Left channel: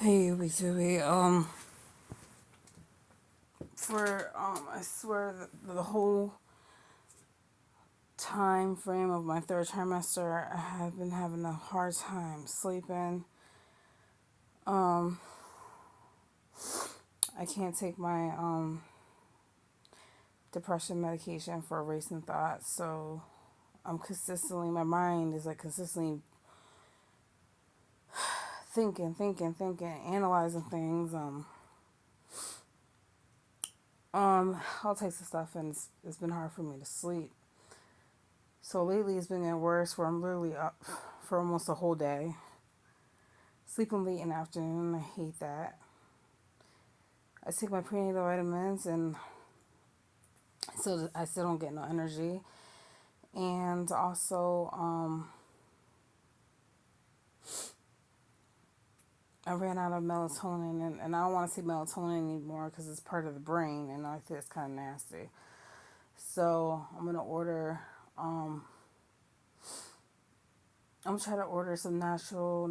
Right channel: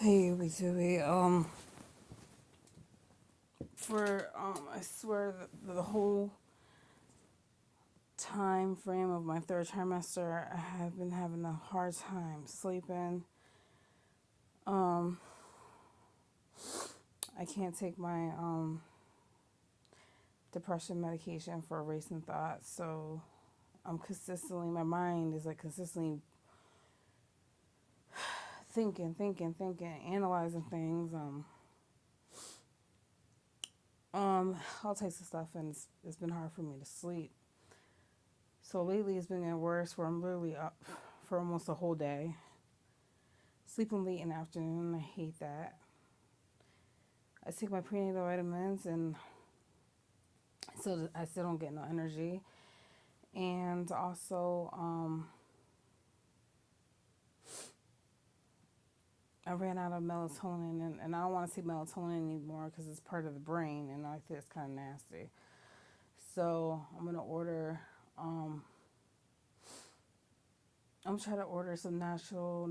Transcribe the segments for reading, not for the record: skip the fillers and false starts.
Hey, we do it. I swear that the whole time frame of my third trimester, I have been having a hard time sleeping. Um, I can't take my depression medication for racing thoughts, so my mind is like consistently thinking, analyzing things, all types of stuff, and it's been hard for me to sleep. So lately it's been getting worse where I'm literally up for almost a whole day. Sleeping late in the afternoon, I hate that. I take my prenatal vitamins and I still don't get no energy. And also, I ran out of melatonin and I don't want to say melatonin anymore because it's part of the brain and I think it's kind of nasty. So I'm gonna try to order some natural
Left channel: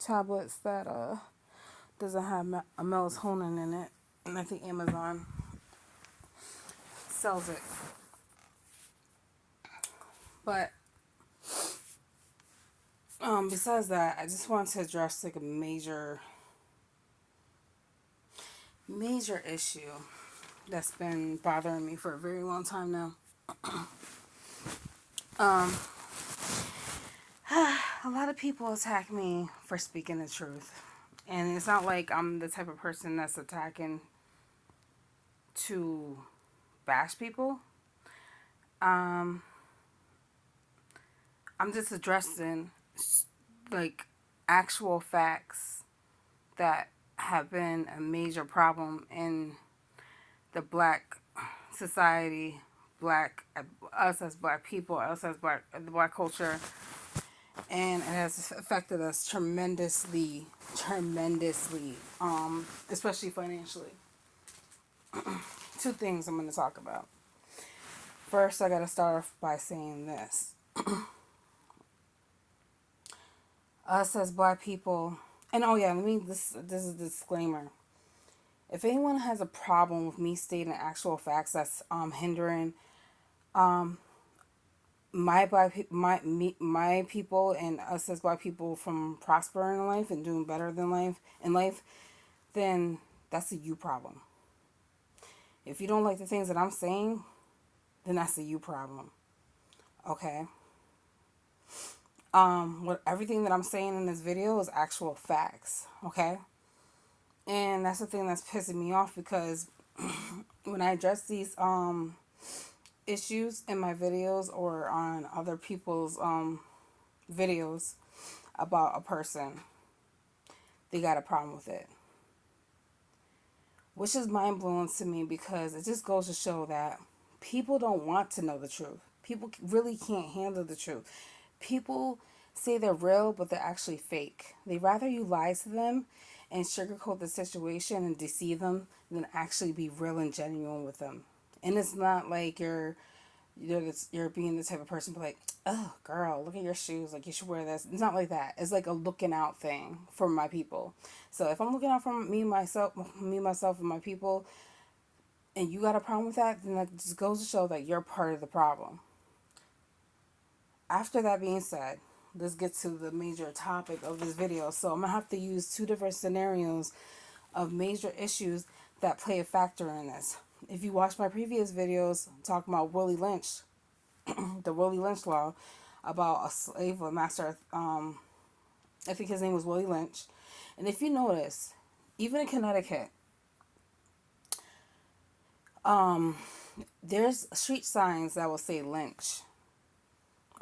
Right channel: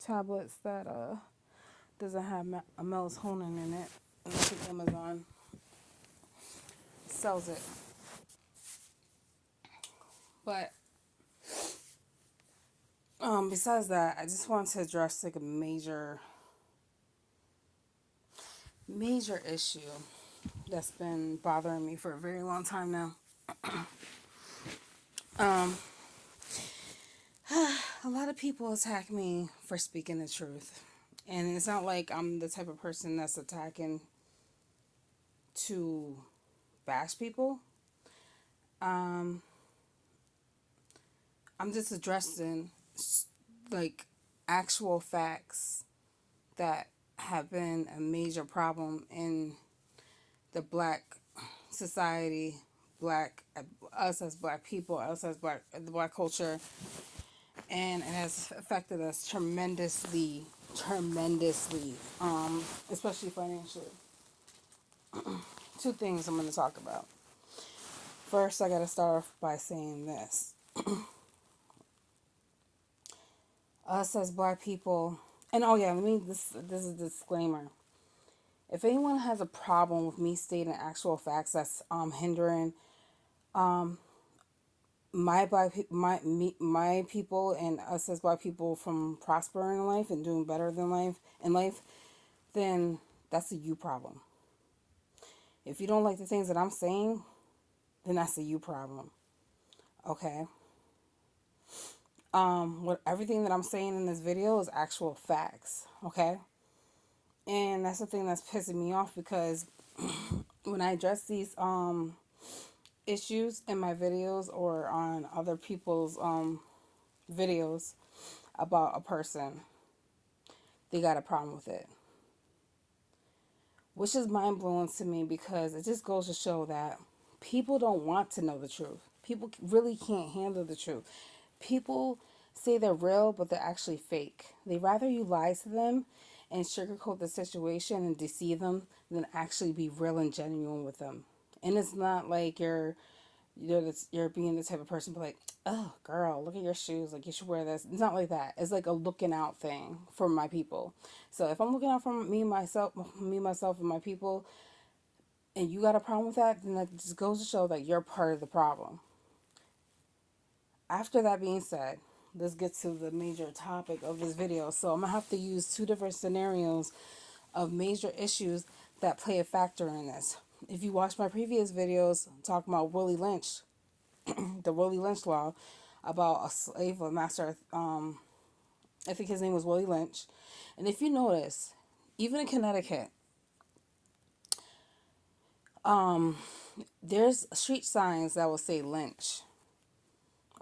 tablets that doesn't have a melatonin in it. And I think Amazon sells it. But besides that, I just want to address like a major issue that's been bothering me for a very long time now. Um, a lot of people attack me for speaking the truth, and it's not like I'm the type of person that's attacking to bash people. Um, I'm just addressing like actual facts that have been a major problem in the black society, black us as black people, us as black the black culture, and it has affected us tremendously, especially financially. Two things I'm going to talk about. First, I got to start off by saying this: us as black people, and oh yeah, this is a disclaimer. If anyone has a problem with me stating actual facts that's hindering um, my people and us as black people from prospering in life and doing better than life, then that's a you problem. If you don't like the things that I'm saying, then that's a you problem. Okay. What everything that I'm saying in this video is actual facts. Okay. And that's the thing that's pissing me off because when I address these issues in my videos or on other people's videos about a person, they got a problem with it. Which is mind blowing to me because it just goes to show that people don't want to know the truth. People really can't handle the truth. People say they're real, but they're actually fake. They rather you lie to them and sugarcoat the situation and deceive them than actually be real and genuine with them. And it's not like you're being the type of person be like, oh girl, look at your shoes, like you should wear this. It's not like that. It's like a looking out thing for my people. So if I'm looking out for myself and my people, and you got a problem with that, then that just goes to show that you're part of the problem. After that being said, let's get to the major topic of this video. So I'm gonna have to use two different scenarios of major issues that play a factor in this. If you watch my previous videos talking about Willie Lynch, the Willie Lynch law about a slave or master, I think his name was Willie Lynch. And if you notice, even in Connecticut, um, there's street signs that will say Lynch.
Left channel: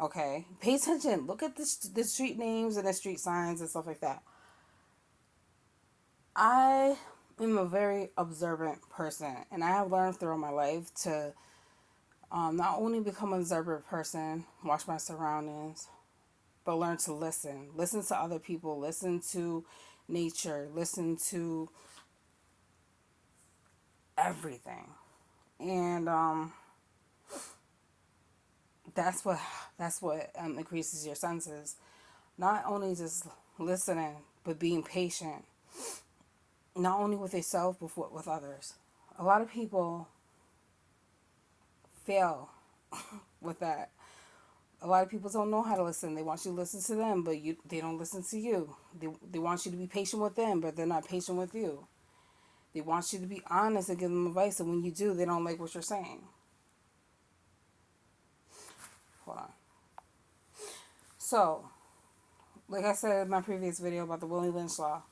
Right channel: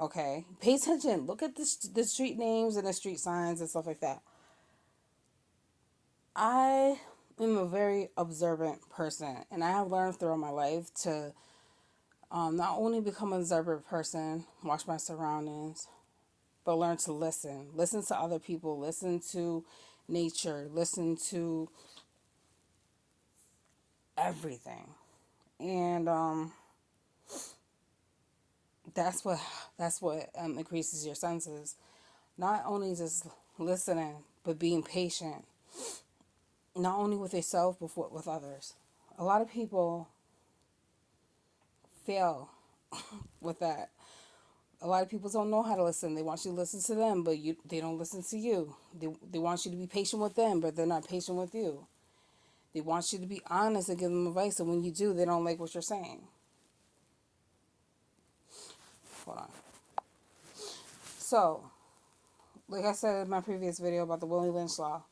Okay, pay attention. Look at the street names and the street signs and stuff like that. I am a very observant person, and I have learned throughout my life to not only become an observant person, watch my surroundings, but learn to listen. Listen to other people. Listen to nature. Listen to everything, and that's what increases your senses. Not only just listening, but being patient, not only with yourself, but with others. A lot of people fail with that. A lot of people don't know how to listen. They want you to listen to them, but they don't listen to you. They want you to be patient with them, but they're not patient with you. They want you to be honest and give them advice, and when you do, they don't like what you're saying. Hold on. So, like I said in my previous video about the Willie Lynch law,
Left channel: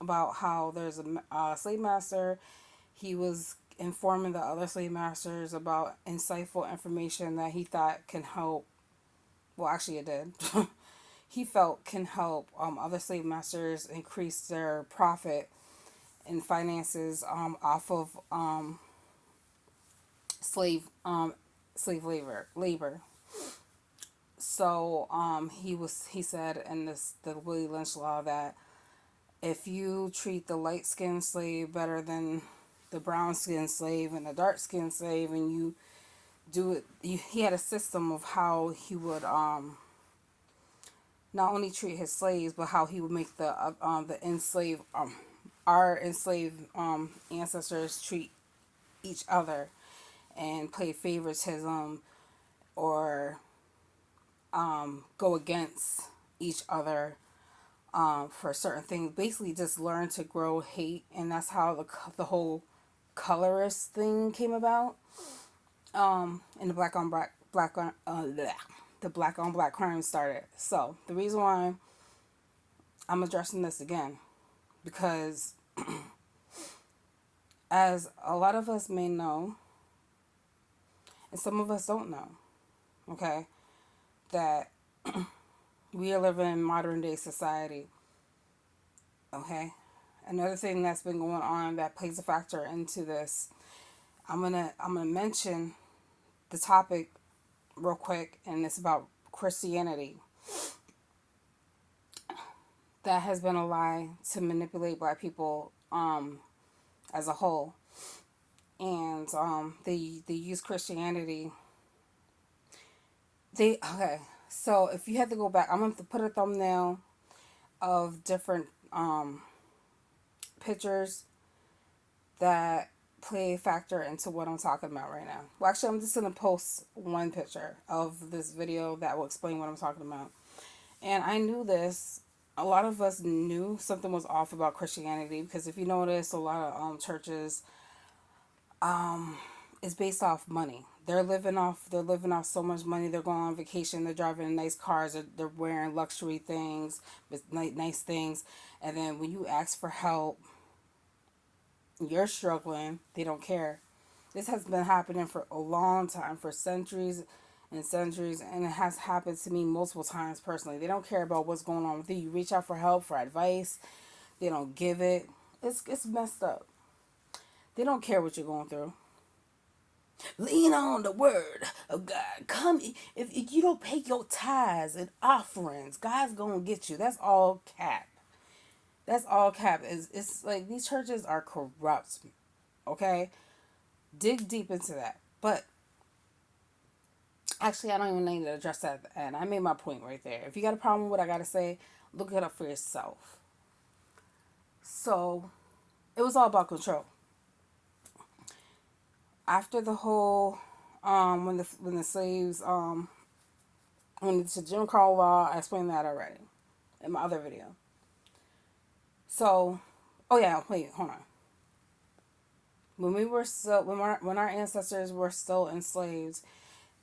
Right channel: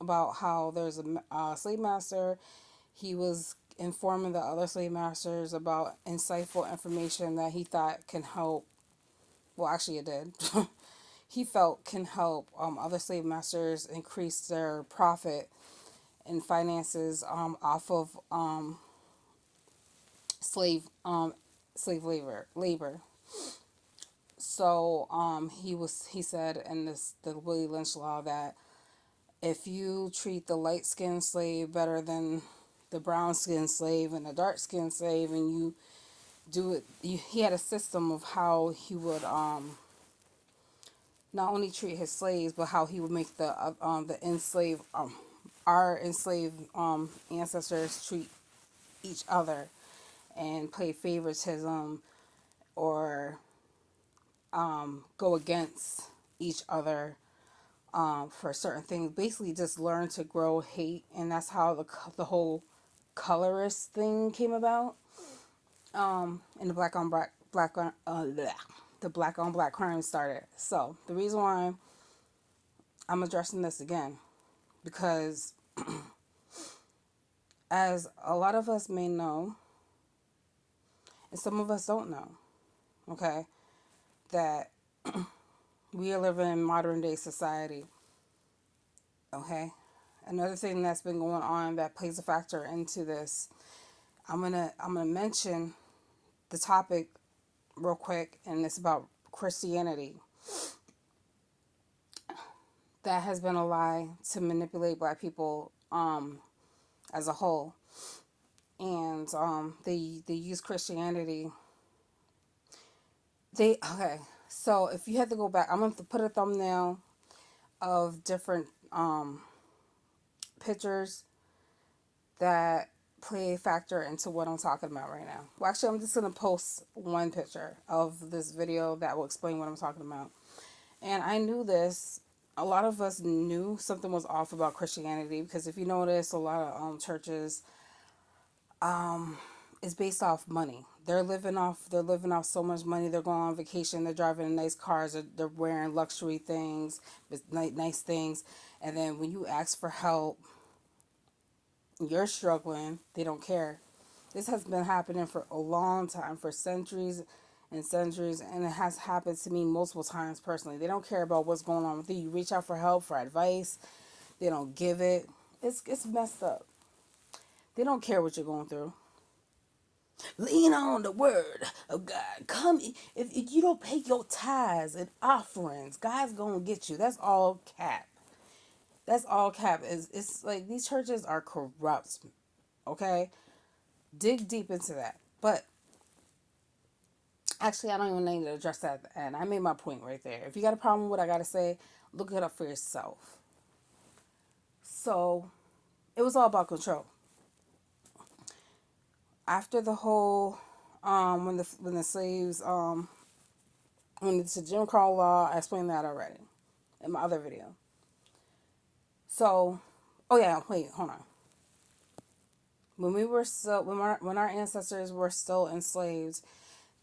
about how there's a slave master, he was informing the other slave masters about insightful information that he thought can help. Well, actually, it did. He felt can help other slave masters increase their profit and finances off of slave slave labor. So he said in the Willie Lynch law that if you treat the light skinned slave better than the brown skinned slave and the dark skinned slave, and you do it, he had a system of how he would not only treat his slaves, but how he would make the enslaved our enslaved ancestors treat each other and play favoritism or go against each other for certain things. Basically, just learn to grow hate, and that's how the whole colorist thing came about. And the black on black crime started. So the reason why I'm addressing this again, because as a lot of us may know, and some of us don't know, okay, that we are living in modern day society. Okay, another thing that's been going on that plays a factor into this. I'm gonna mention the topic real quick, and it's about Christianity. That has been a lie to manipulate black people as a whole, and they use Christianity. Okay. So if you had to go back, I'm going to put a thumbnail of different pictures that play a factor into what I'm talking about right now. Well, actually, I'm just going to post one picture of this video that will explain what I'm talking about. And I knew this. A lot of us knew something was off about Christianity, because if you notice, a lot of churches is based off money. They're living off so much money. They're going on vacation. They're driving in nice cars. They're wearing luxury things, nice things. And then when you ask for help, you're struggling. They don't care. This has been happening for a long time, for centuries and centuries, and it has happened to me multiple times personally. They don't care about what's going on with you. You reach out for help, for advice, they don't give it. It's messed up. They don't care what you're going through. Lean on the word of God. Come, if you don't pay your tithes and offerings, God's gonna get you. That's all cap. That's all cap. It's like these churches are corrupt. Okay, dig deep into that. But actually, I don't even need to address that at the end. I made my point right there. If you got a problem with what I gotta say, look it up for yourself. So it was all about control. After the whole when the slaves when it's a Jim Crow law, I explained that already in my other video. So, oh yeah, wait, hold on. When we were still when our ancestors were still enslaved,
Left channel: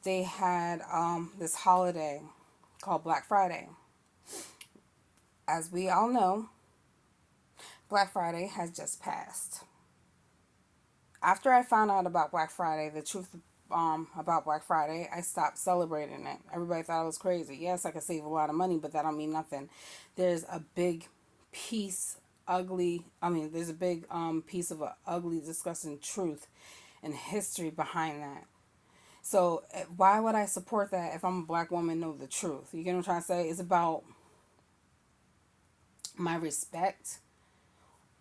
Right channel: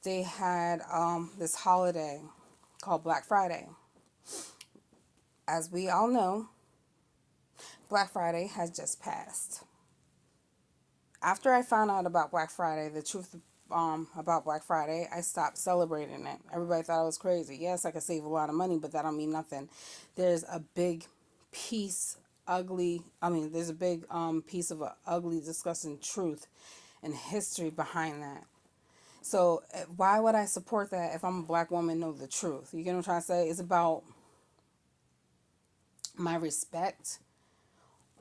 they had this holiday called Black Friday. As we all know, Black Friday has just passed. After I found out about Black Friday, the truth about Black Friday, I stopped celebrating it. Everybody thought I was crazy. Yes, I could save a lot of money, but that don't mean nothing. There's a big piece, there's a big piece of a ugly, disgusting truth and history behind that. So why would I support that if I'm a black woman? Know the truth. You get what I'm trying to say? It's about my respect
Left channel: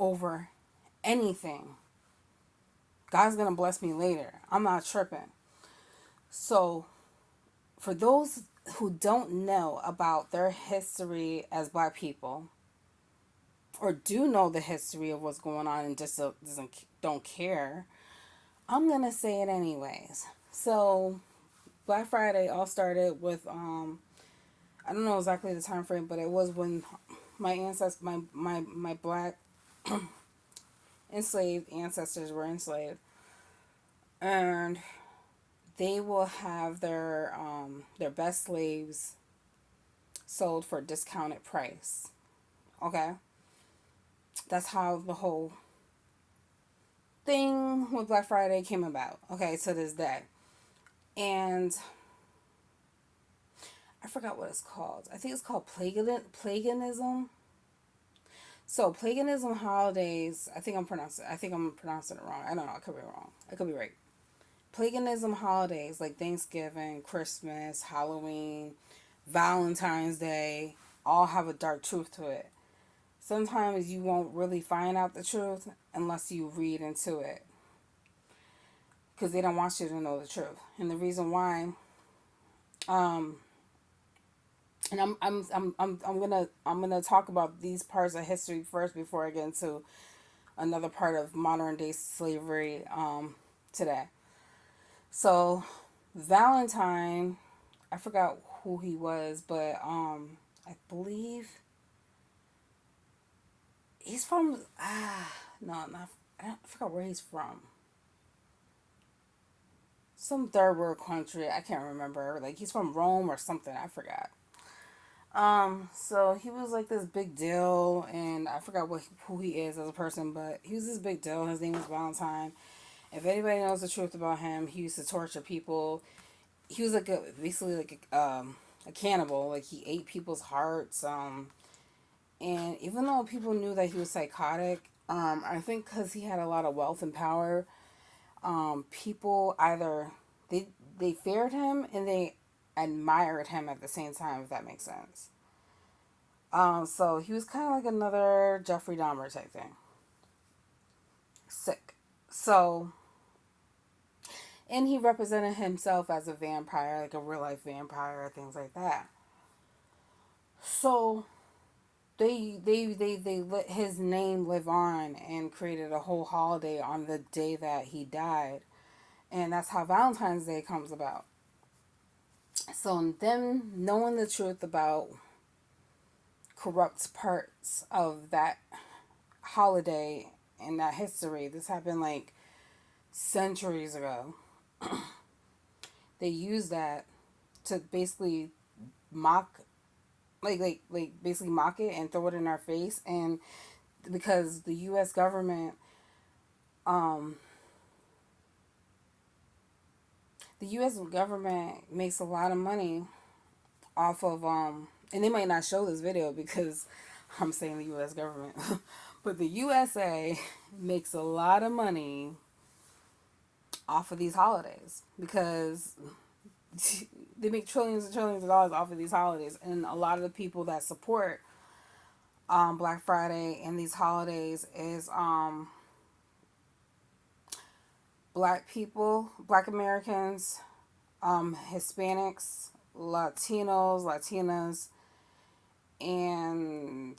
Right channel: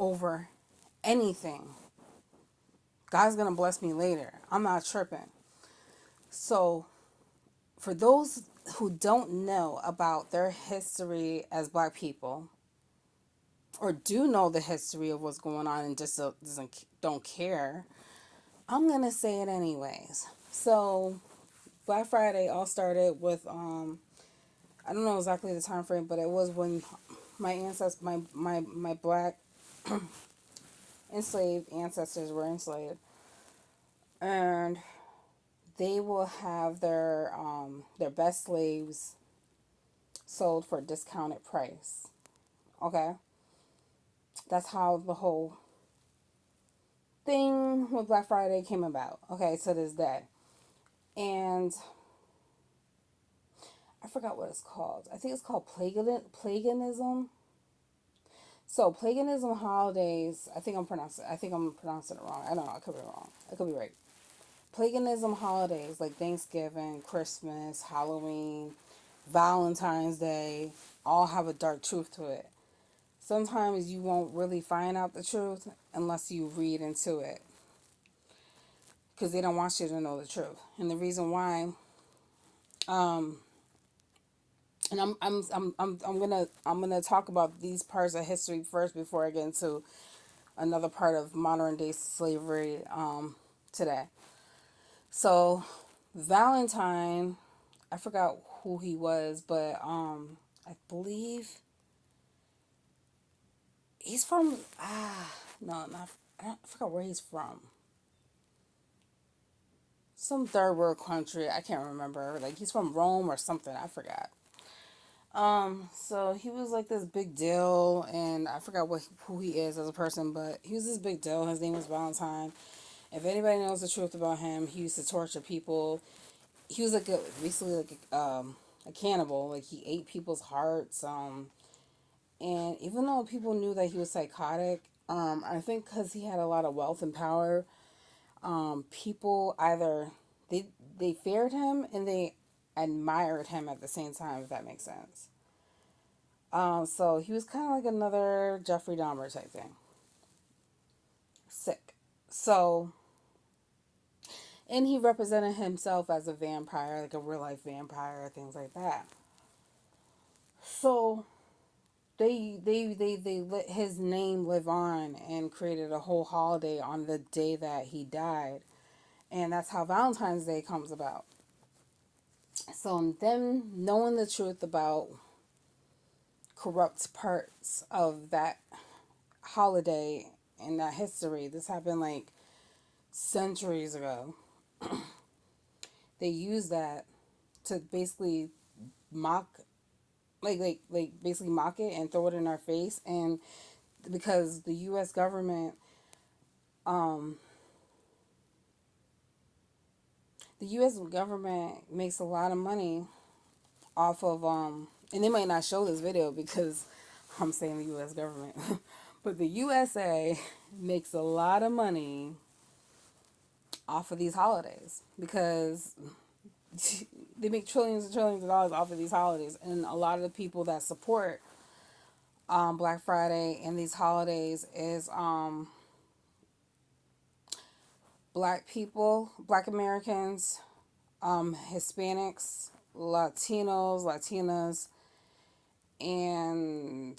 over anything. God's gonna bless me later. I'm not tripping. So, for those who don't know about their history as black people, or do know the history of what's going on and just don't care, I'm gonna say it anyways. So Black Friday all started with I don't know exactly the time frame, but it was when my ancestors, my black enslaved ancestors were enslaved, and they will have their best slaves sold for a discounted price. Okay, that's how the whole thing with Black Friday came about. Okay, to this day, and I forgot what it's called. I think it's called paganism. So paganism holidays. I think I'm pronouncing it wrong. I don't know. I could be wrong. I could be right. Paganism holidays like Thanksgiving, Christmas, Halloween, Valentine's Day all have a dark truth to it. Sometimes you won't really find out the truth unless you read into it because they don't want you to know the truth. And the reason why, um, and I'm gonna talk about these parts of history first before I get into another part of modern day slavery today. So Valentine, I forgot who he was, but I believe he's from no, not I forgot where he's from. Some third world country. I can't remember. Like he's from Rome or something. I forgot. So he was like this big deal, and I forgot who he is as a person, but he was this big deal. His name was Valentine. If anybody knows the truth about him, he used to torture people. He was like basically like a cannibal. Like he ate people's hearts. And even though people knew that he was psychotic, I think because he had a lot of wealth and power, people either they they feared him and they admired him at the same time. If that makes sense. So he was kind of like another Jeffrey Dahmer type thing. Sick. So, and he represented himself as a vampire, like a real life vampire, things like that. So they let his name live on and created a whole holiday on the day that he died, and that's how Valentine's Day comes about. So them knowing the truth about corrupt parts of that holiday and that history, this happened like centuries ago. They use that to basically mock, basically mock it and throw it in our face, and because um, the U.S. government makes a lot of money off of and they might not show this video because I'm saying the U.S. government, but the USA makes a lot of money off of these holidays because they make trillions and trillions of dollars off of these holidays, and a lot of the people that support Black Friday and these holidays is black people, black Americans, Hispanics, Latinos, Latinas, and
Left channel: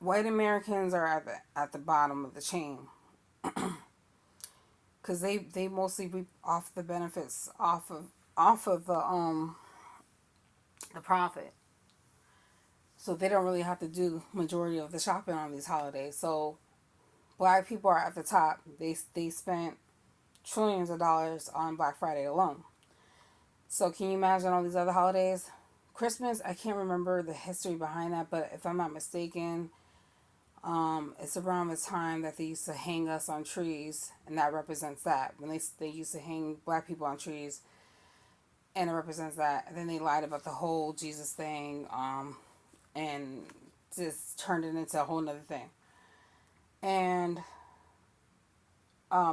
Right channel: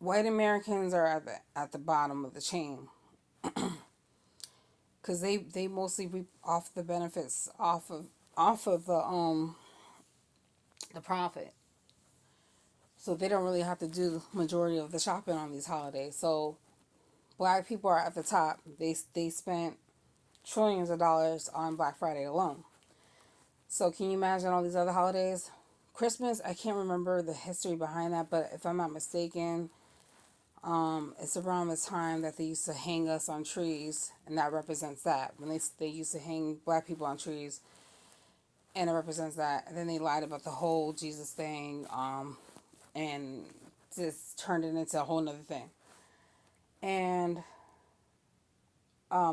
white Americans are at the bottom of the chain because they mostly reap off the benefits off of the profit. So they don't really have to do majority of the shopping on these holidays. So black people are at the top. They spent trillions of dollars on Black Friday alone. So can you imagine all these other holidays? Christmas, I can't remember the history behind that, but if I'm not mistaken, it's around the time that they used to hang us on trees, and that represents that. When they used to hang black people on trees, and it represents that. And then they lied about the whole Jesus thing, and just turned it into a whole nother thing. And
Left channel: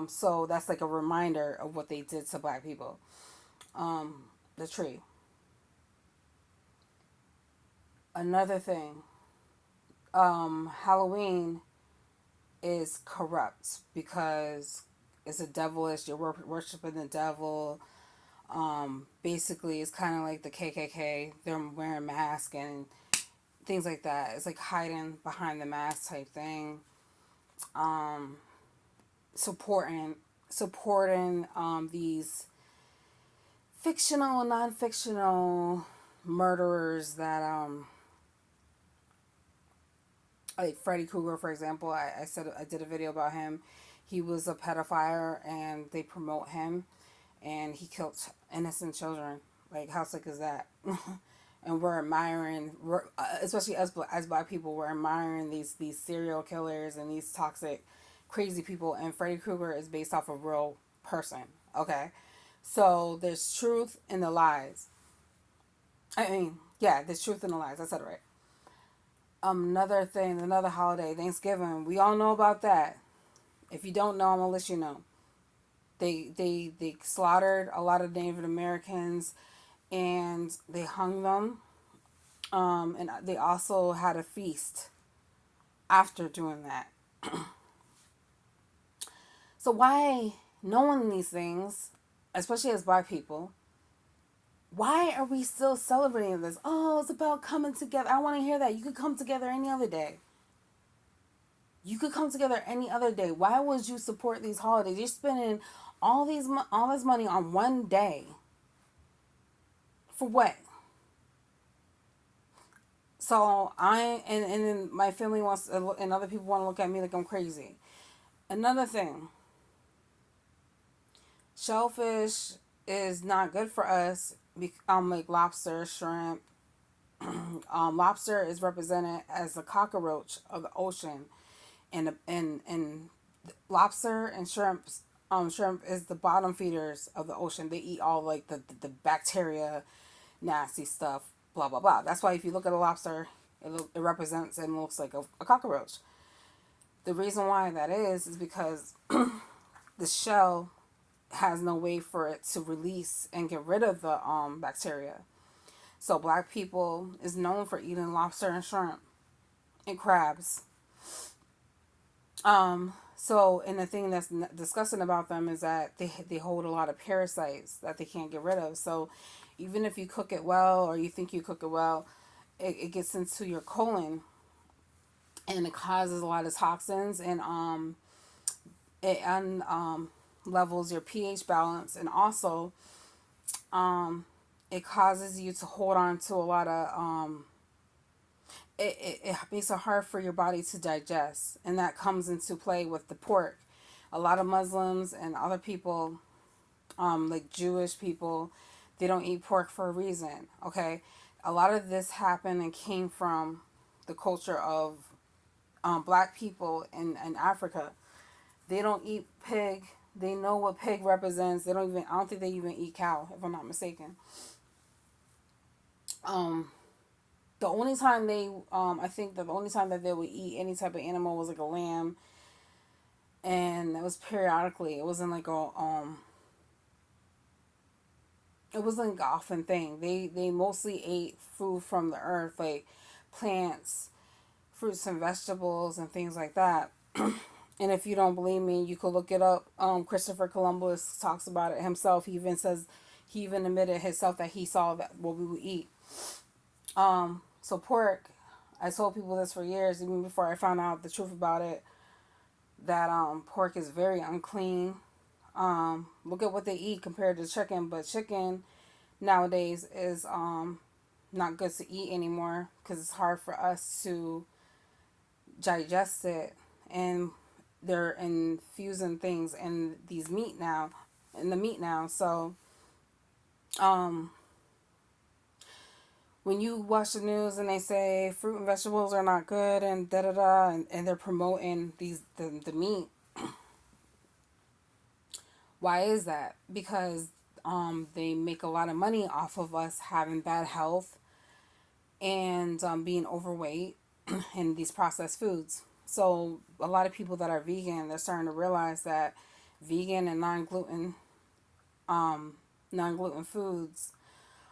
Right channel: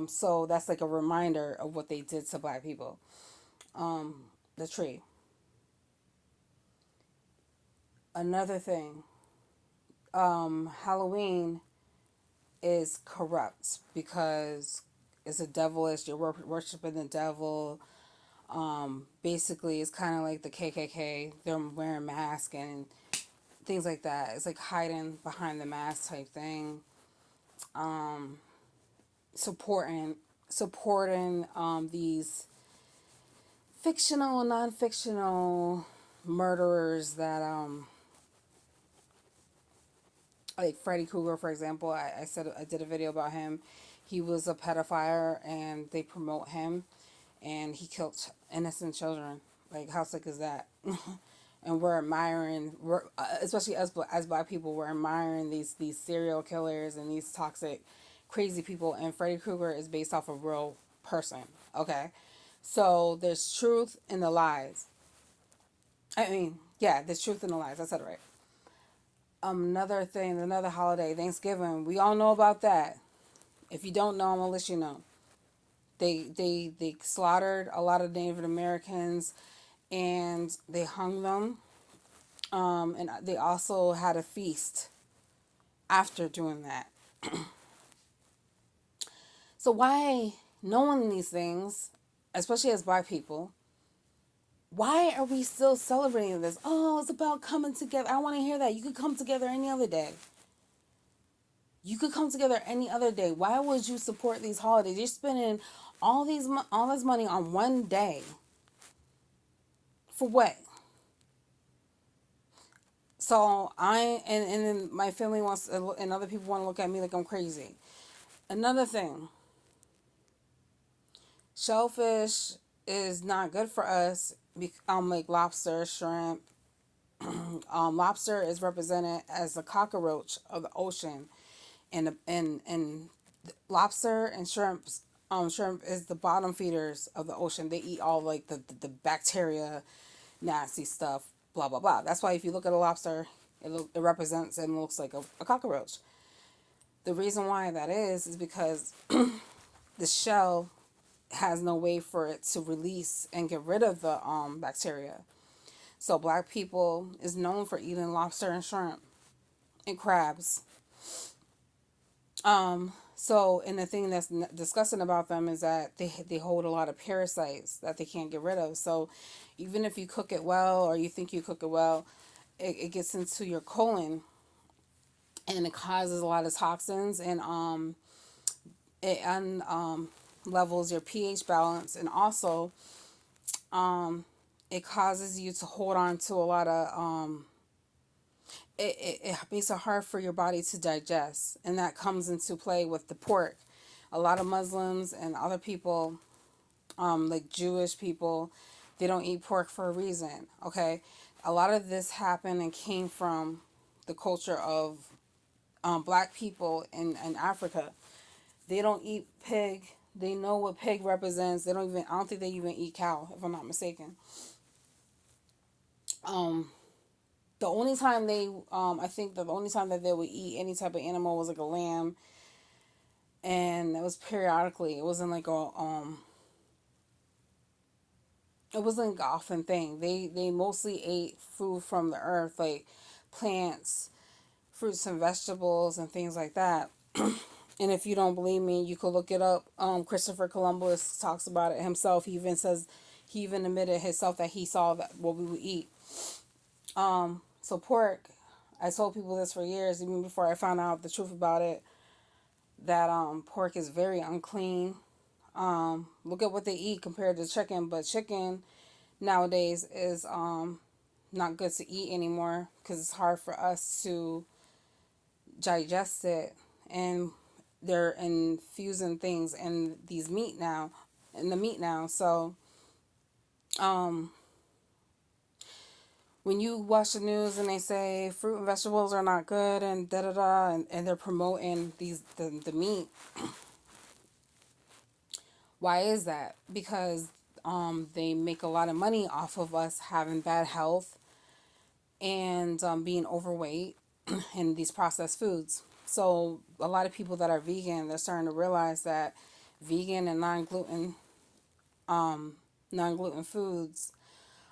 so that's like a reminder of what they did to black people. The tree. Another thing, Halloween is corrupt because it's a devilish. You're worshiping the devil. Basically, it's kind of like the KKK. They're wearing masks and things like that. It's like hiding behind the mask type thing. Um, supporting these fictional, non-fictional murderers that like Freddy Krueger, for example. I said I did a video about him. He was a pedophile, and they promote him, and he killed innocent children. Like, how sick is that? And we're admiring, especially us as black people, we're admiring these serial killers and these toxic, crazy people. And Freddy Krueger is based off a real person. Okay, so there's truth in the lies. I mean, yeah, there's truth in the lies. I said it right. Another thing, another holiday, Thanksgiving. We all know about that. If you don't know, I'm gonna let you know. They slaughtered a lot of Native Americans, and they hung them. And they also had a feast after doing that. So why, knowing these things, especially as black people, why are we still celebrating this? Oh, it's about coming together. I want to hear that. You could come together any other day. You could come together any other day. Why would you support these holidays? You're spending all this money on one day. For what? So and then my family wants and other people want to look at me like I'm crazy. Another thing, shellfish is not good for us. Like lobster, shrimp. Lobster is represented as the cockroach of the ocean, and lobster and shrimp is the bottom feeders of the ocean. They eat all like the bacteria, nasty stuff, blah blah blah. That's why if you look at a lobster, it represents and looks like a cockroach. The reason why that is because the shell has no way for it to release and get rid of the bacteria. So black people is known for eating lobster and shrimp and crabs. And the thing that's disgusting about them is that they hold a lot of parasites that they can't get rid of. So even if you cook it well or you think you cook it well, it gets into your colon, and it causes a lot of toxins, and it levels your pH balance, and also it causes you to hold on to a lot of it makes it hard for your body to digest, and that comes into play with the pork. A lot of Muslims and other people, like Jewish people, they don't eat pork for a reason. Okay, a lot of this happened and came from the culture of black people in Africa. They don't eat pig. They know what pig represents. They don't even. I don't think they even eat cow, if I'm not mistaken. Um, the only time I think that the only time that they would eat any type of animal was like a lamb, and it was periodically. It wasn't like it wasn't like an often thing. They mostly ate food from the earth, like plants, fruits and vegetables, and things like that. And if you don't believe me, you could look it up. Christopher Columbus talks about it himself. He even admitted himself that he saw that what we would eat. So pork, I told people this for years, even before I found out the truth about it, that pork is very unclean. Look at what they eat compared to chicken, but chicken nowadays is not good to eat anymore because it's hard for us to digest it, and they're infusing things in the meat now. So um, when you watch the news and they say fruit and vegetables are not good and da da da, and they're promoting the meat, why is that? Because they make a lot of money off of us having bad health and being overweight and these processed foods. So a lot of people that are vegan, they're starting to realize that vegan and non-gluten foods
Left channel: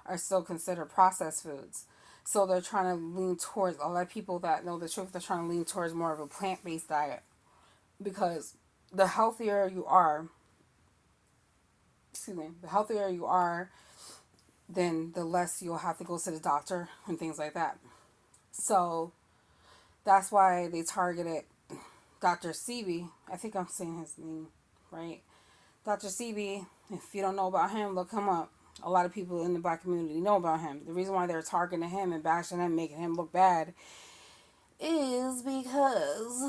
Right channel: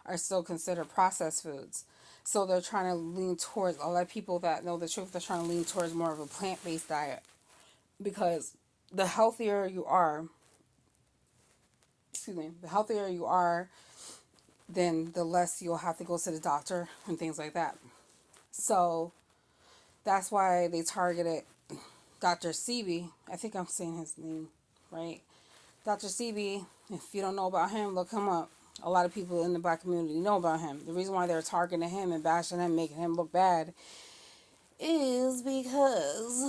are still considered processed foods. So they're trying to lean towards, a lot of people that know the truth, they're trying to lean towards more of a plant-based diet, because the healthier you are, the healthier you are, then the less you'll have to go to the doctor and things like that. So that's why they targeted Dr. Sebi. I think I'm saying his name right. Dr. Sebi, if you don't know about him, look him up. A lot of people in the black community know about him. The reason why they're targeting him and bashing him, making him look bad, is because,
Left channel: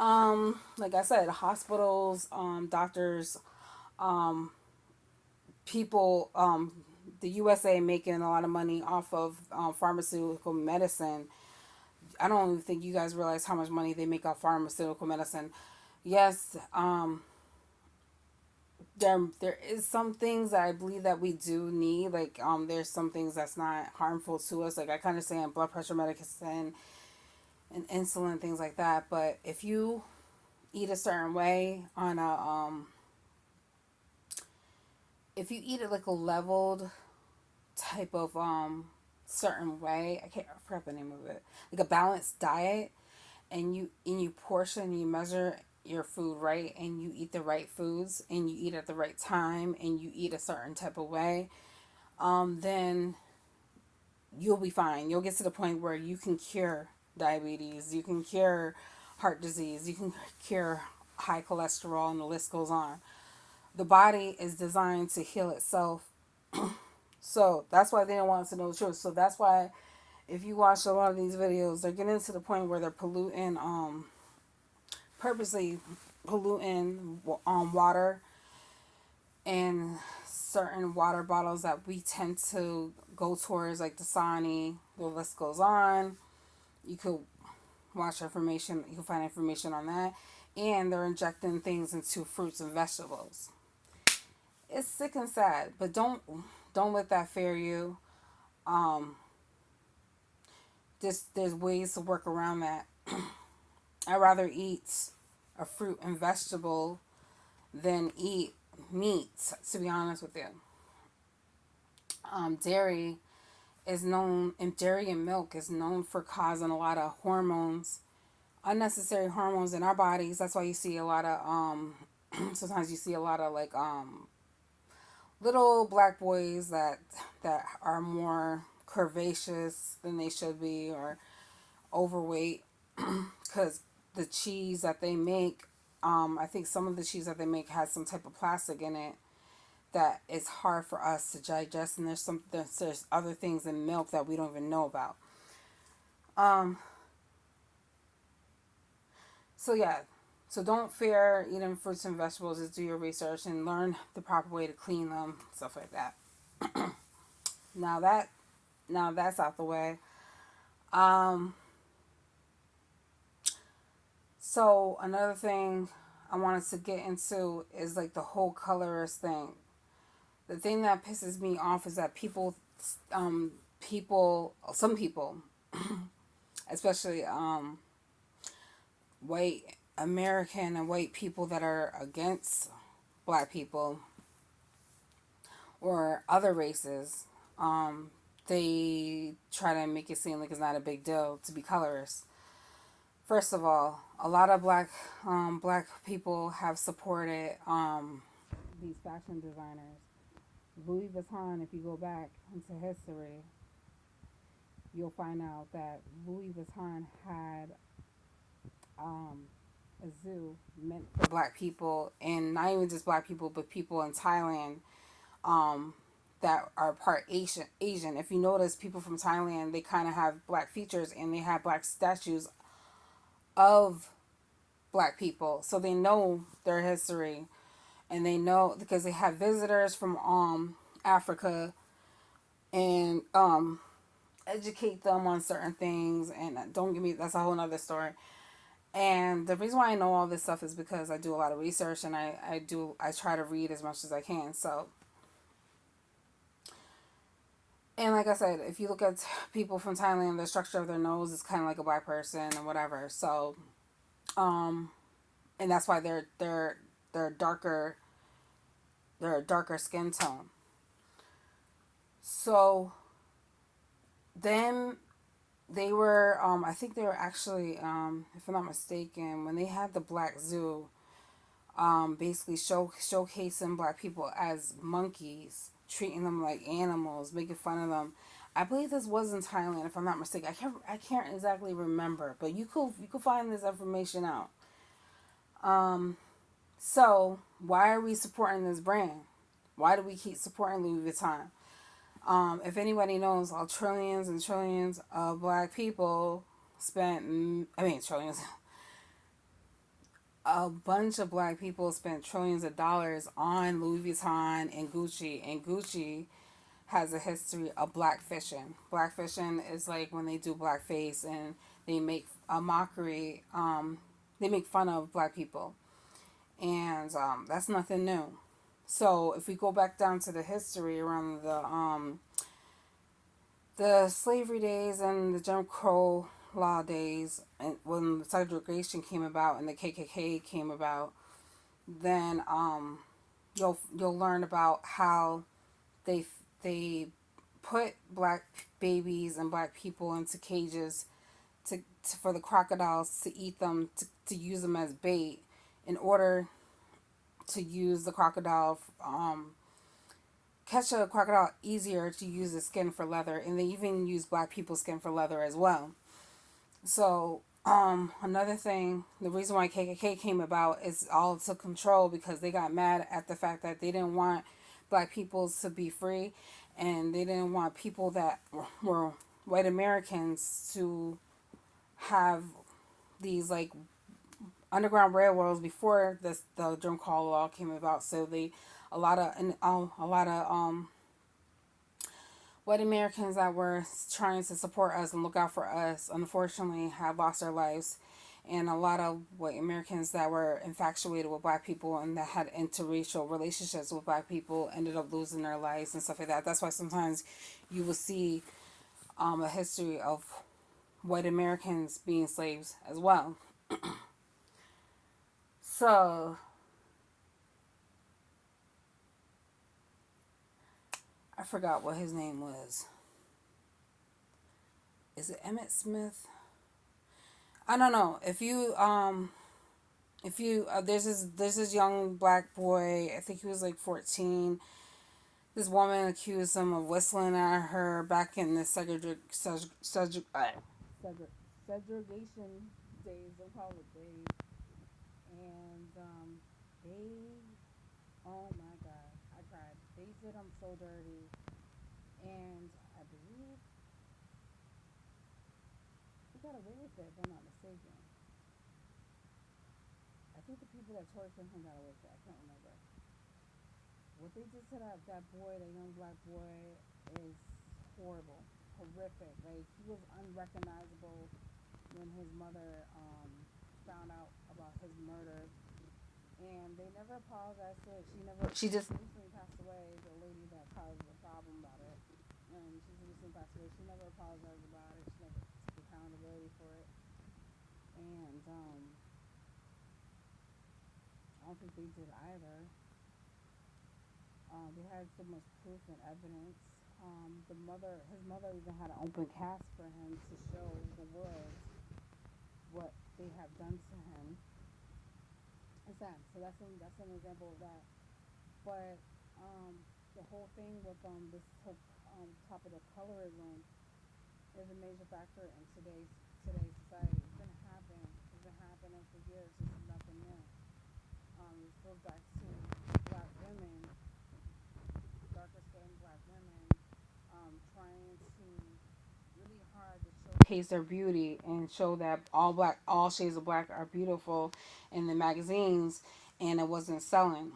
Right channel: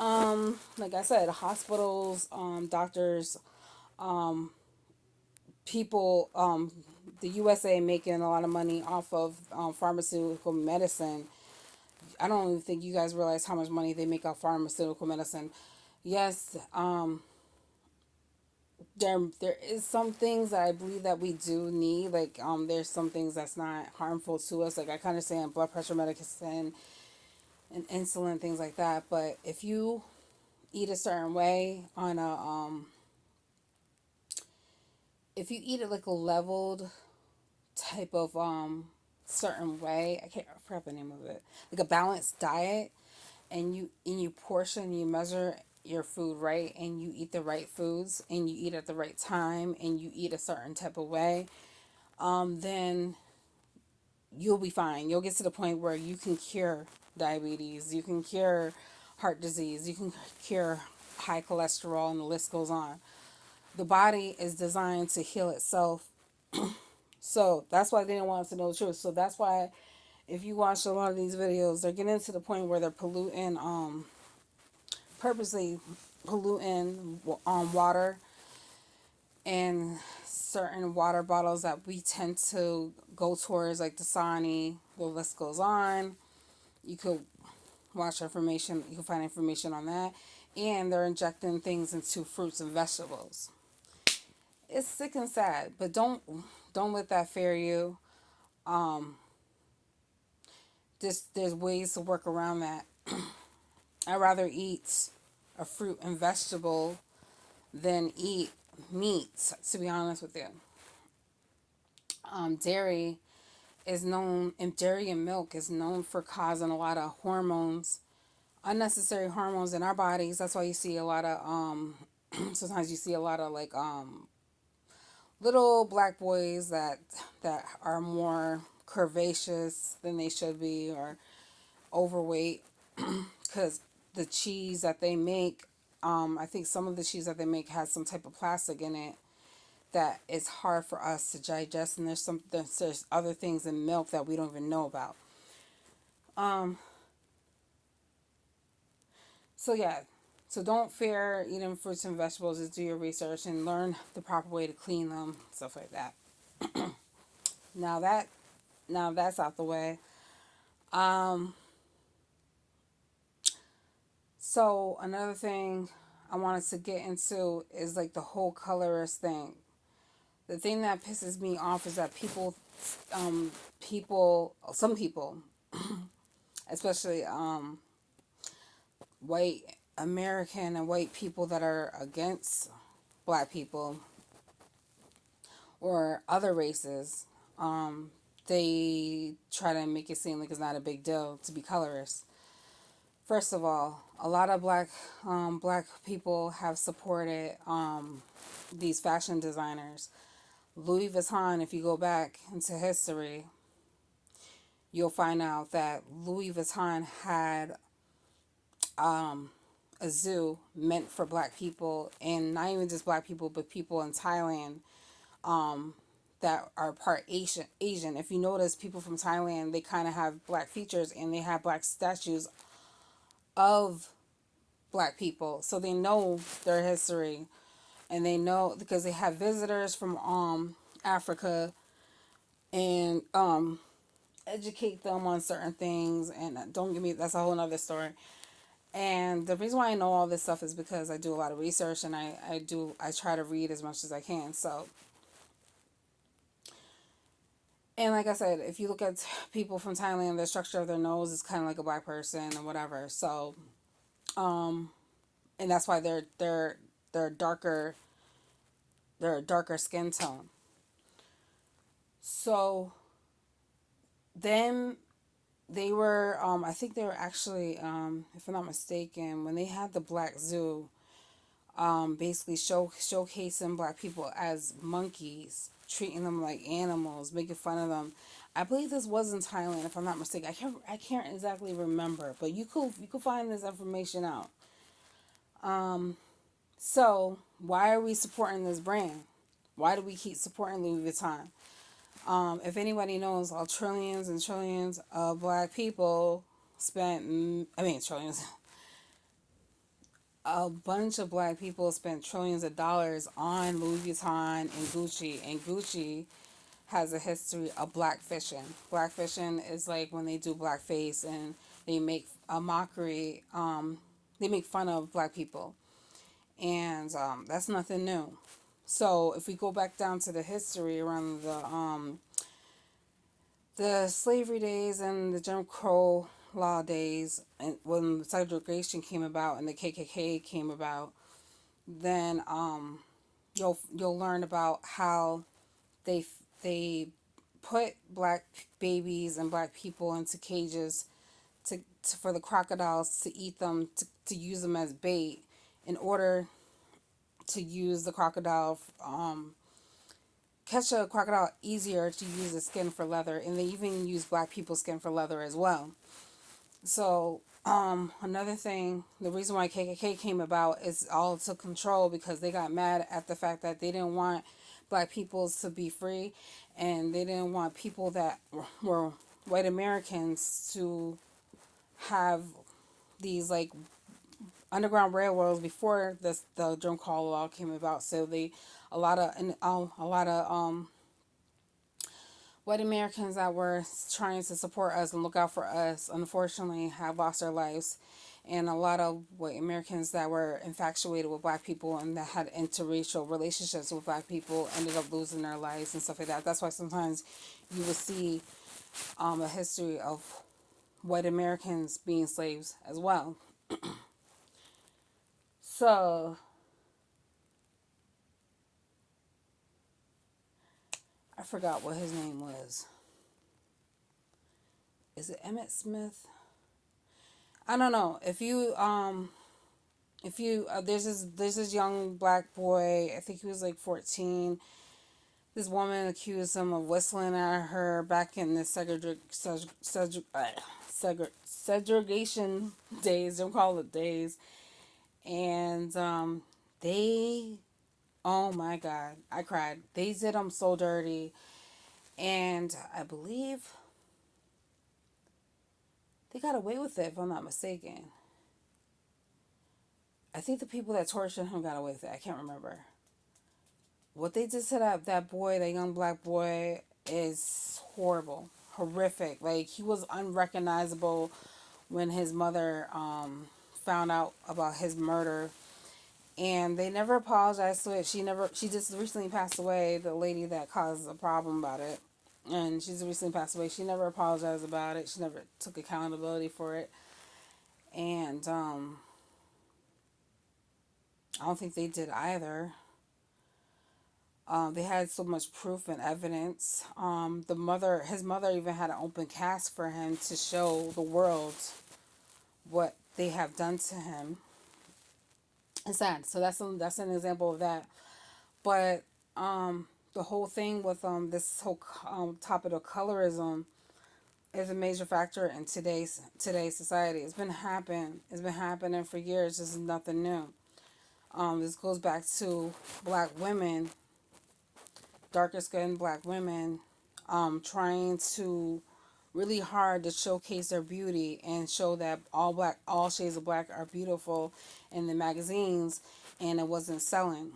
like I said, hospitals, doctors, um, people, the USA making a lot of money off of pharmaceutical medicine. I don't even think you guys realize how much money they make off pharmaceutical medicine. Yes, there is some things that I believe that we do need. Like there's some things that's not harmful to us. Like I kind of say blood pressure medicine and insulin, things like that. But if you eat a certain way on a if you eat it like a leveled type of certain way, I forgot the name of it, like a balanced diet, and you portion, you measure your food right, and you eat the right foods, and you eat at the right time, and you eat a certain type of way, then you'll be fine. You'll get to the point where you can cure diabetes, you can cure heart disease, you can cure high cholesterol, and the list goes on. The body is designed to heal itself. So that's why they don't want us to know the truth. So that's why if you watch a lot of these videos, they're getting to the point where they're polluting, purposely polluting water, and certain water bottles that we tend to go towards, like Dasani. The list goes on. You could watch information. You can find information on that, and they're injecting things into fruits and vegetables. It's sick and sad, but don't let that fear you. Um, there's ways to work around that. I'd rather eat a fruit and vegetable than eat meat, to be honest with you. Dairy is known, and dairy and milk is known for causing a lot of hormones, unnecessary hormones in our bodies. That's why you see a lot of, sometimes you see a lot of like, little black boys that are more curvaceous than they should be, or overweight, because the cheese that they make, I think some of the cheese that they make has some type of plastic in it that is hard for us to digest, and there's other things in milk that we don't even know about. Um, so yeah, so don't fear eating fruits and vegetables. Just do your research and learn the proper way to clean them, stuff like that. Now that now that's out the way. Um, so another thing I wanted to get into is like the whole colorist thing. The thing that pisses me off is that some people, especially white American and white people that are against black people or other races, they try to make it seem like it's not a big deal to be colorist. First of all, a lot of black people have supported these fashion designers. Louis Vuitton, if you go back into history, you'll find out that Louis Vuitton had um, a zoo meant for black people, and not even just black people, but people in Thailand, um, that are part Asian. Asian. If you notice, people from Thailand, they kind of have black features, and they have black statues of black people, so they know their history, and they know because they have visitors from Africa, and educate them on certain things. And don't give me, that's a whole nother story. And the reason why I know all this stuff is because I do a lot of research, and I try to read as much as I can. So, and like I said, if you look at people from Thailand, the structure of their nose is kind of like a black person and whatever. So, um, and that's why they're darker, they're a darker skin tone. So then they were, I think they were actually, if I'm not mistaken, when they had the Black Zoo, basically showcasing black people as monkeys, treating them like animals, making fun of them. I believe this was in Thailand, if I'm not mistaken. I can't exactly remember, but you could find this information out. So why are we supporting this brand? Why do we keep supporting Louis Vuitton? If anybody knows, all trillions and trillions of black people spent, I mean, trillions, a bunch of black people spent trillions of dollars on Louis Vuitton and Gucci. And Gucci has a history of blackfishing. Blackfishing is like when they do blackface and they make a mockery, they make fun of black people. And that's nothing new. So if we go back down to the history around the slavery days and the Jim Crow law days, and when segregation came about and the KKK came about, then you'll learn about how they they put black babies and black people into cages for the crocodiles to eat them, to use them as bait in order to use the crocodile, catch a crocodile easier to use the skin for leather, and they even use black people's skin for leather as well. So another thing, the reason why KKK came about is all to control, because they got mad at the fact that they didn't want black people to be free, and they didn't want people that were white Americans to have these like underground railroads before the Jim Crow law came about. So they a lot of white Americans that were trying to support us and look out for us, unfortunately, have lost their lives. And a lot of white Americans that were infatuated with black people and that had interracial relationships with black people ended up losing their lives and stuff like that. That's why sometimes you will see a history of white Americans being slaves as well. So I forgot what his name was. Is it Emmett Smith? I don't know. If you there's this young black boy. I think he was like 14. This woman accused him of whistling at her back in the segregation days. Don't call it days. And they, oh my God, I cried. They did him so dirty. And I believe they got away with it, if I'm not mistaken. I think the people that tortured him got away with it. I can't remember. What they did to that boy, that young black boy, is horrible, horrific. Like, he was unrecognizable when his mother found out about his murder, and they never apologized to it. She just recently passed away. The lady that caused a problem about it, and she's recently passed away. She never apologized about it. She never took accountability for it, and I don't think they did either. They had so much proof and evidence. His mother even had an open cast for him to show the world what they have done to him. It's sad. So that's an example of that. But the whole thing with this whole topic of colorism is a major factor in today's society. It's been happening for years. This is nothing new. This goes back to black women, darker skinned black women, trying to really hard to showcase their beauty and show that all shades of black are beautiful in the magazines, and it wasn't selling.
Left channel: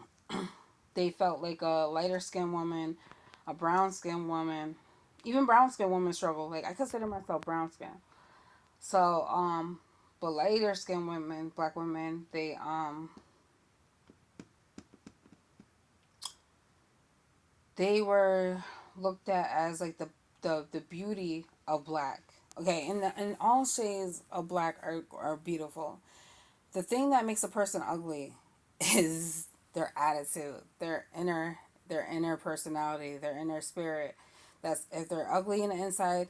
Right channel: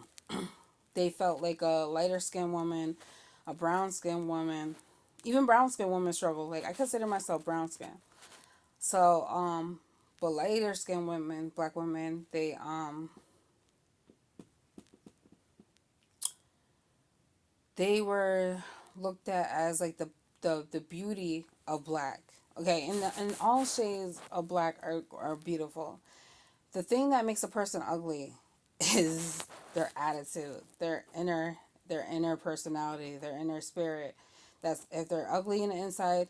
They felt like a lighter skinned woman, a brown skinned woman, even brown skinned women struggle. Like, I consider myself brown skin. So, but lighter skinned women, black women, they were looked at as like the beauty of black. Okay, and all shades of black are beautiful. The thing that makes a person ugly is their attitude, their inner personality, their inner spirit. That's, if they're ugly in the inside,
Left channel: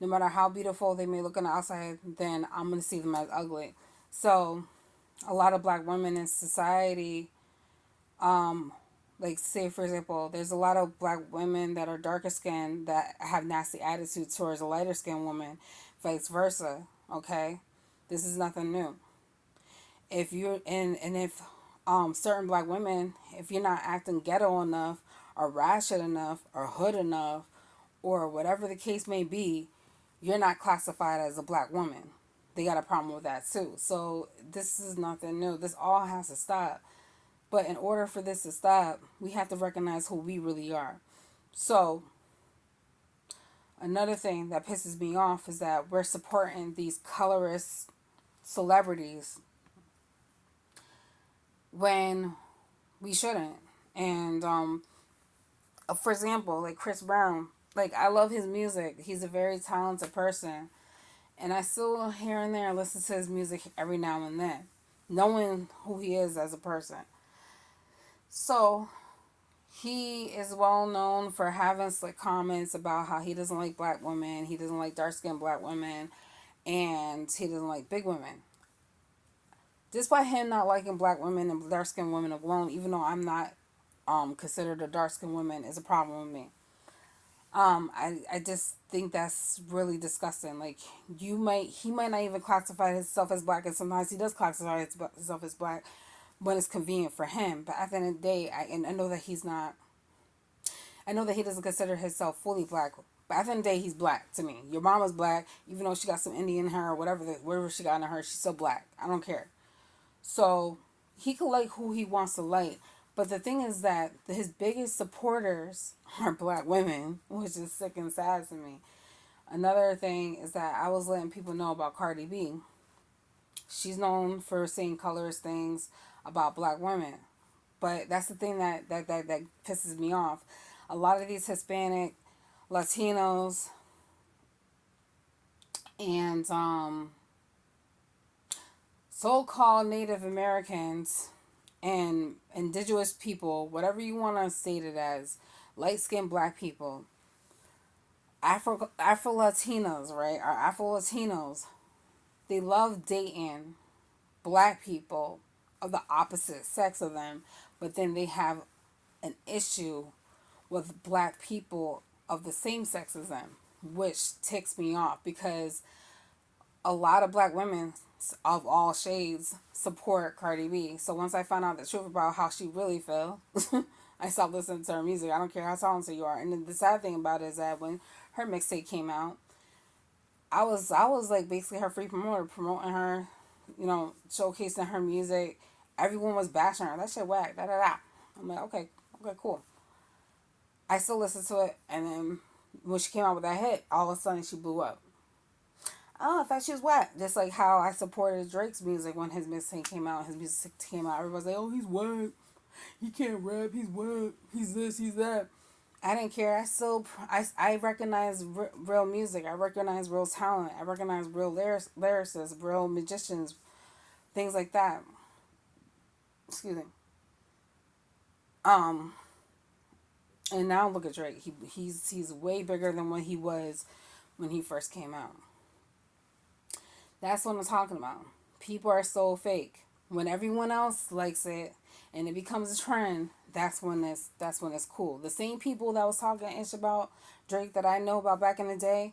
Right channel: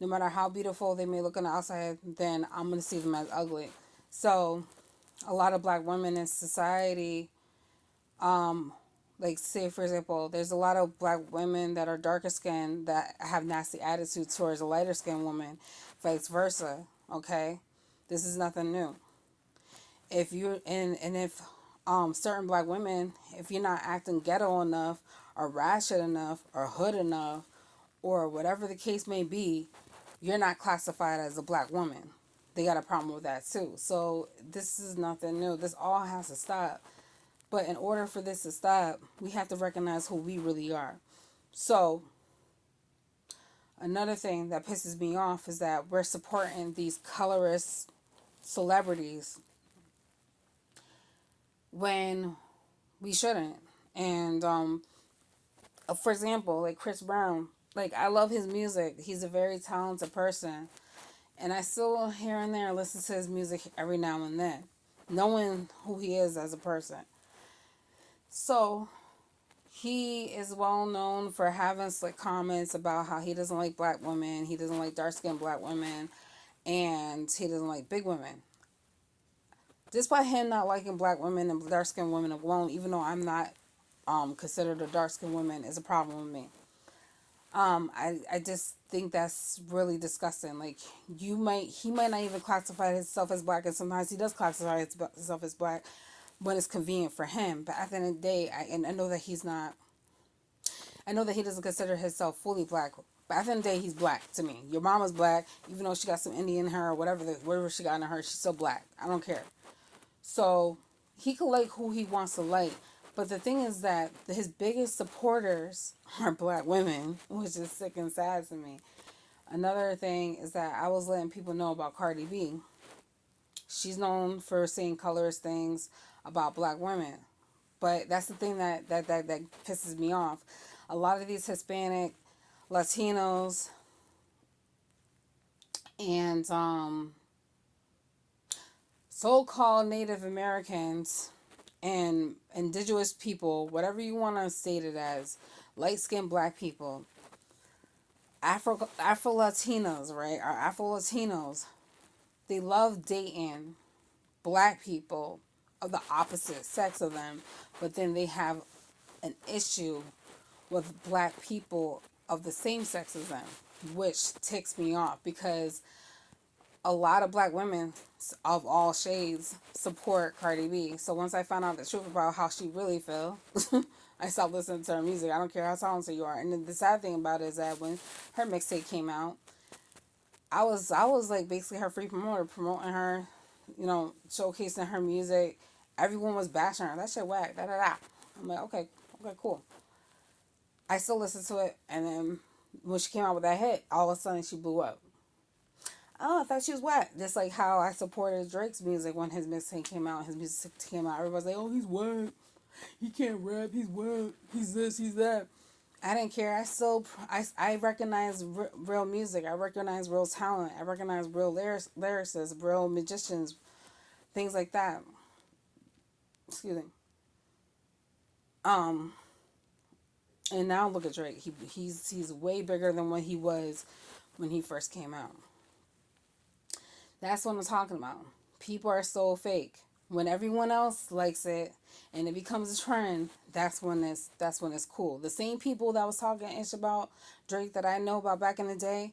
no matter how beautiful they may look on the outside, then I'm gonna see them as ugly. So a lot of black women in society Like, say for example, there's a lot of black women that are darker skinned that have nasty attitudes towards a lighter skinned woman, vice versa. Okay, this is nothing new. If you and if certain black women, if you're not acting ghetto enough or ratchet enough or hood enough or whatever the case may be, you're not classified as a black woman. They got a problem with that too. So this is nothing new. This all has to stop. But in order for this to stop, we have to recognize who we really are. So another thing that pisses me off is that we're supporting these colorist celebrities when we shouldn't. And for example, like Chris Brown, like I love his music. He's a very talented person, and I still here and there listen to his music every now and then, knowing who he is as a person. So he is well known for having slick comments about how he doesn't like black women, he doesn't like dark skinned black women, and he doesn't like big women. Despite him not liking black women and dark skinned women alone, even though I'm not considered a dark skinned woman, is a problem with me. I just think that's really disgusting. Like, he might not even classify himself as black, and sometimes he does classify himself as black when it's convenient for him. But at the end of the day, I know that he's not. I know that he doesn't consider himself fully black. But at the end of the day, he's black to me. Your mama's black, even though she got some Indian in her or whatever she got in her, she's still black. I don't care. So he could like who he wants to like. But the thing is that his biggest supporters are black women, which is sick and sad to me. Another thing is that I was letting people know about Cardi B. She's known for saying colorist things about black women. But that's the thing that pisses me off. A lot of these Hispanic, Latinos, and so-called Native Americans and indigenous people, whatever you want to state it as, light-skinned black people, Afro Latinos, right? Our Afro Latinos, they love dating black people of the opposite sex of them, but then they have an issue with black people of the same sex as them, which ticks me off because a lot of black women of all shades support Cardi B. So once I found out the truth about how she really feel, I stopped listening to her music. I don't care how talented you are. And the sad thing about it is that when her mixtape came out, I was like basically her free promoter, promoting her, showcasing her music. Everyone was bashing her. That shit whack. Da da da. I'm like, okay, cool. I still listen to it, and then when she came out with that hit, all of a sudden she blew up. Oh, I thought she was whack. Just like how I supported Drake's music when his mixtape came out. His music came out. Everybody's like, oh, he's whack. He can't rap. He's whack. He's this. He's that. I didn't care. I recognize real music. I recognize real talent. I recognize real lyricists, real magicians, things like that. Excuse me. Um, and now look at Drake. He's way bigger than what he was when he first came out. That's what I'm talking about. People are so fake. When everyone else likes it and it becomes a trend, that's when it's cool. The same people that was talking ish about Drake that I know about back in the day,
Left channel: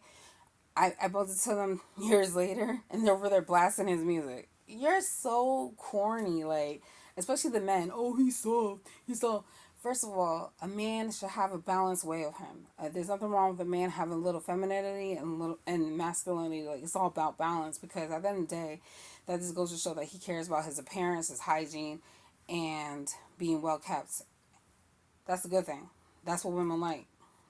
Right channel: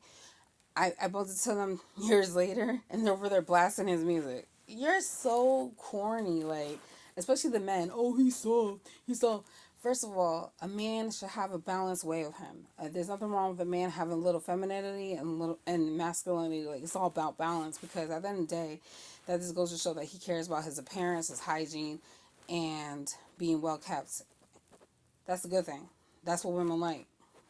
I bumped into them years later and they're over there blasting his music. You're so corny, like, especially the men. Oh, he's soft. He's soft. First of all, a man should have a balanced way of him. There's nothing wrong with a man having a little femininity and little and masculinity. Like, it's all about balance because at the end of the day, that just goes to show that he cares about his appearance, his hygiene, and being well kept. That's a good thing. That's what women like.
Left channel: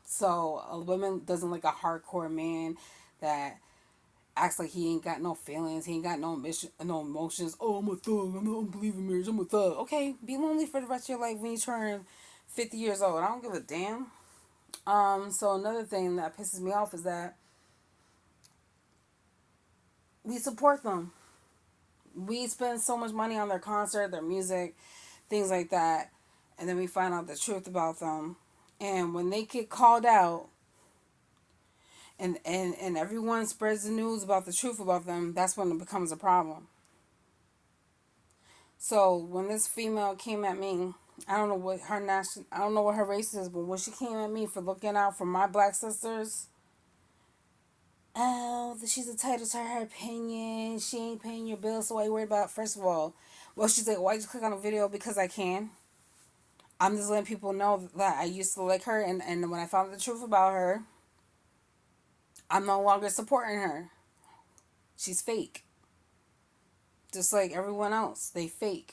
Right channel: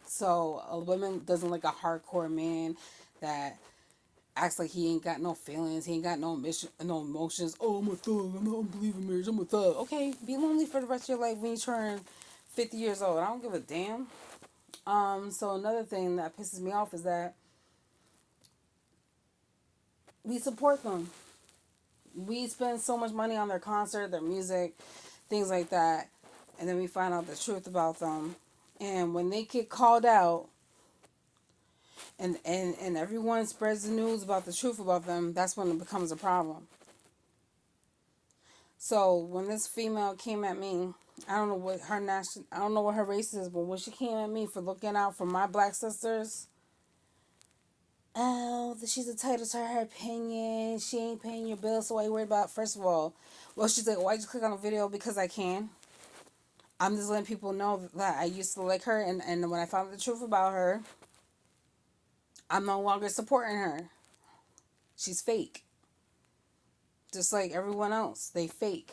So a woman doesn't like a hardcore man that acts like he ain't got no feelings, he ain't got no emotions. Oh, I'm a thug. I don't believe in marriage. I'm a thug. Okay, be lonely for the rest of your life when you turn 50 years old. I don't give a damn. So another thing that pisses me off is that we support them. We spend so much money on their concert, their music, things like that, and then we find out the truth about them. And when they get called out, and everyone spreads the news about the truth about them, that's when it becomes a problem. So when this female came at me I don't know what her I don't know what her race is, but when she came at me for looking out for my black sisters, oh, she's entitled to her opinion. She ain't paying your bills, so why you worried about? First of all, well, she's like, why you click on a video? Because I can. I'm just letting people know that I used to like her, and when I found the truth about her, I'm no longer supporting her. She's fake. Just like everyone else. They fake.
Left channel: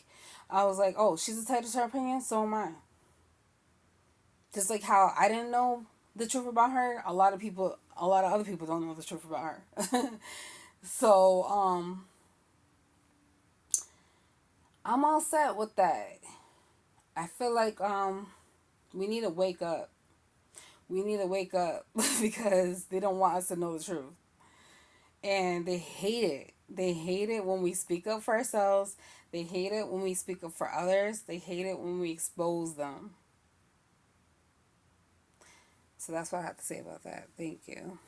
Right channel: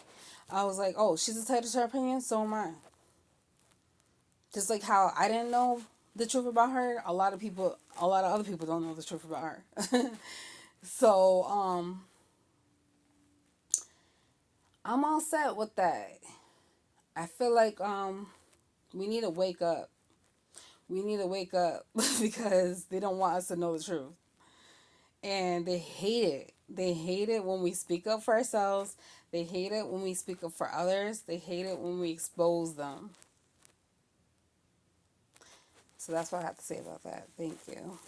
I was like, oh, she's entitled to her opinion, so am I. Just like how I didn't know the truth about her, a lot of other people don't know the truth about her. So, I'm all set with that. I feel like we need to wake up. We need to wake up because they don't want us to know the truth. And they hate it. They hate it when we speak up for ourselves. They hate it when we speak up for others. They hate it when we expose them. So that's what I have to say about that. Thank you.